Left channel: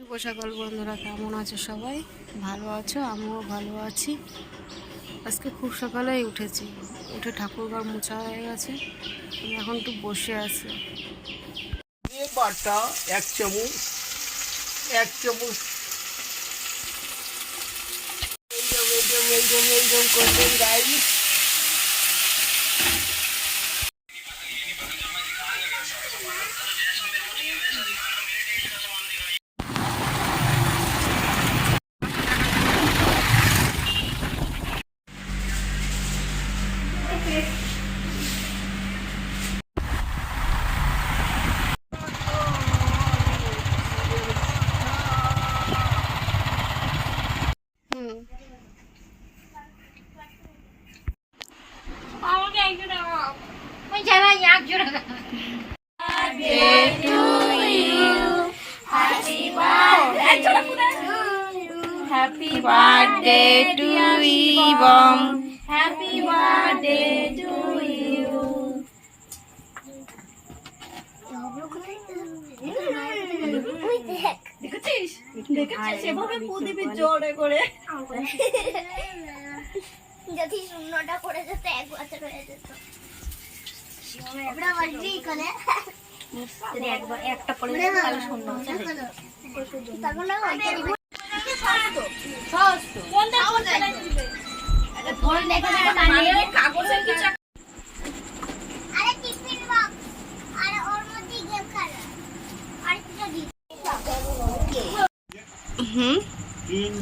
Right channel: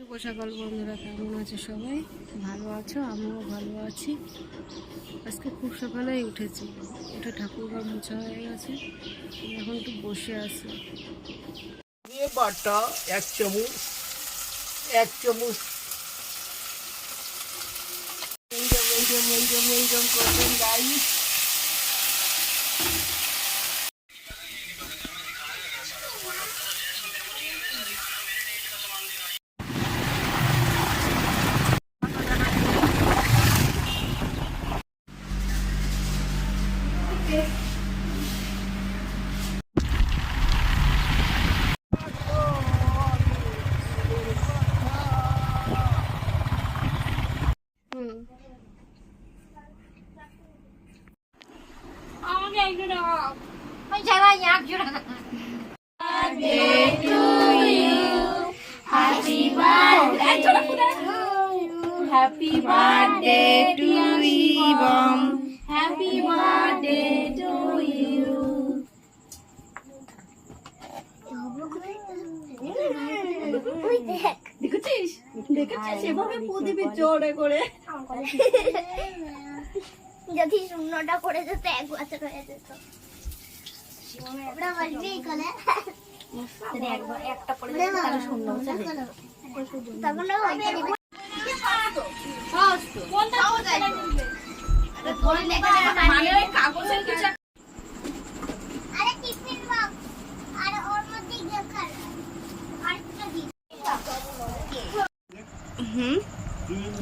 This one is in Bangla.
শুভ সকাল বন্ধুরা, কেমন আছো সবাই? ভালো আছো? আমিও ভালো আছি। আজকে খুব সকালেই উঠেছি, উঠে ঠাকুরঘর মোছা হয়ে গেছে, এখন একটু বসে আছি। বাটা এক চামচ Happy birthday to you, Bom. Happy birthday to you. দেখেছিস এভাবে প্রদীপের জোরে করে যদি শূন্যটা পড়ে যেত 1 বছর হয়ে যেত। ওটা বলবি কোনে যদি একবার একটা পড়ে যেত তাহলে শূন্য হচ্ছে তারপরে ওইটা দিব সস তো কোনটা এটা ধরে লেগে যাবে মানে কাগজের কিছু আরে টিফিন বক্স আরে ওর মধ্যে গেম খেলা আর কিছু দি হুম তিন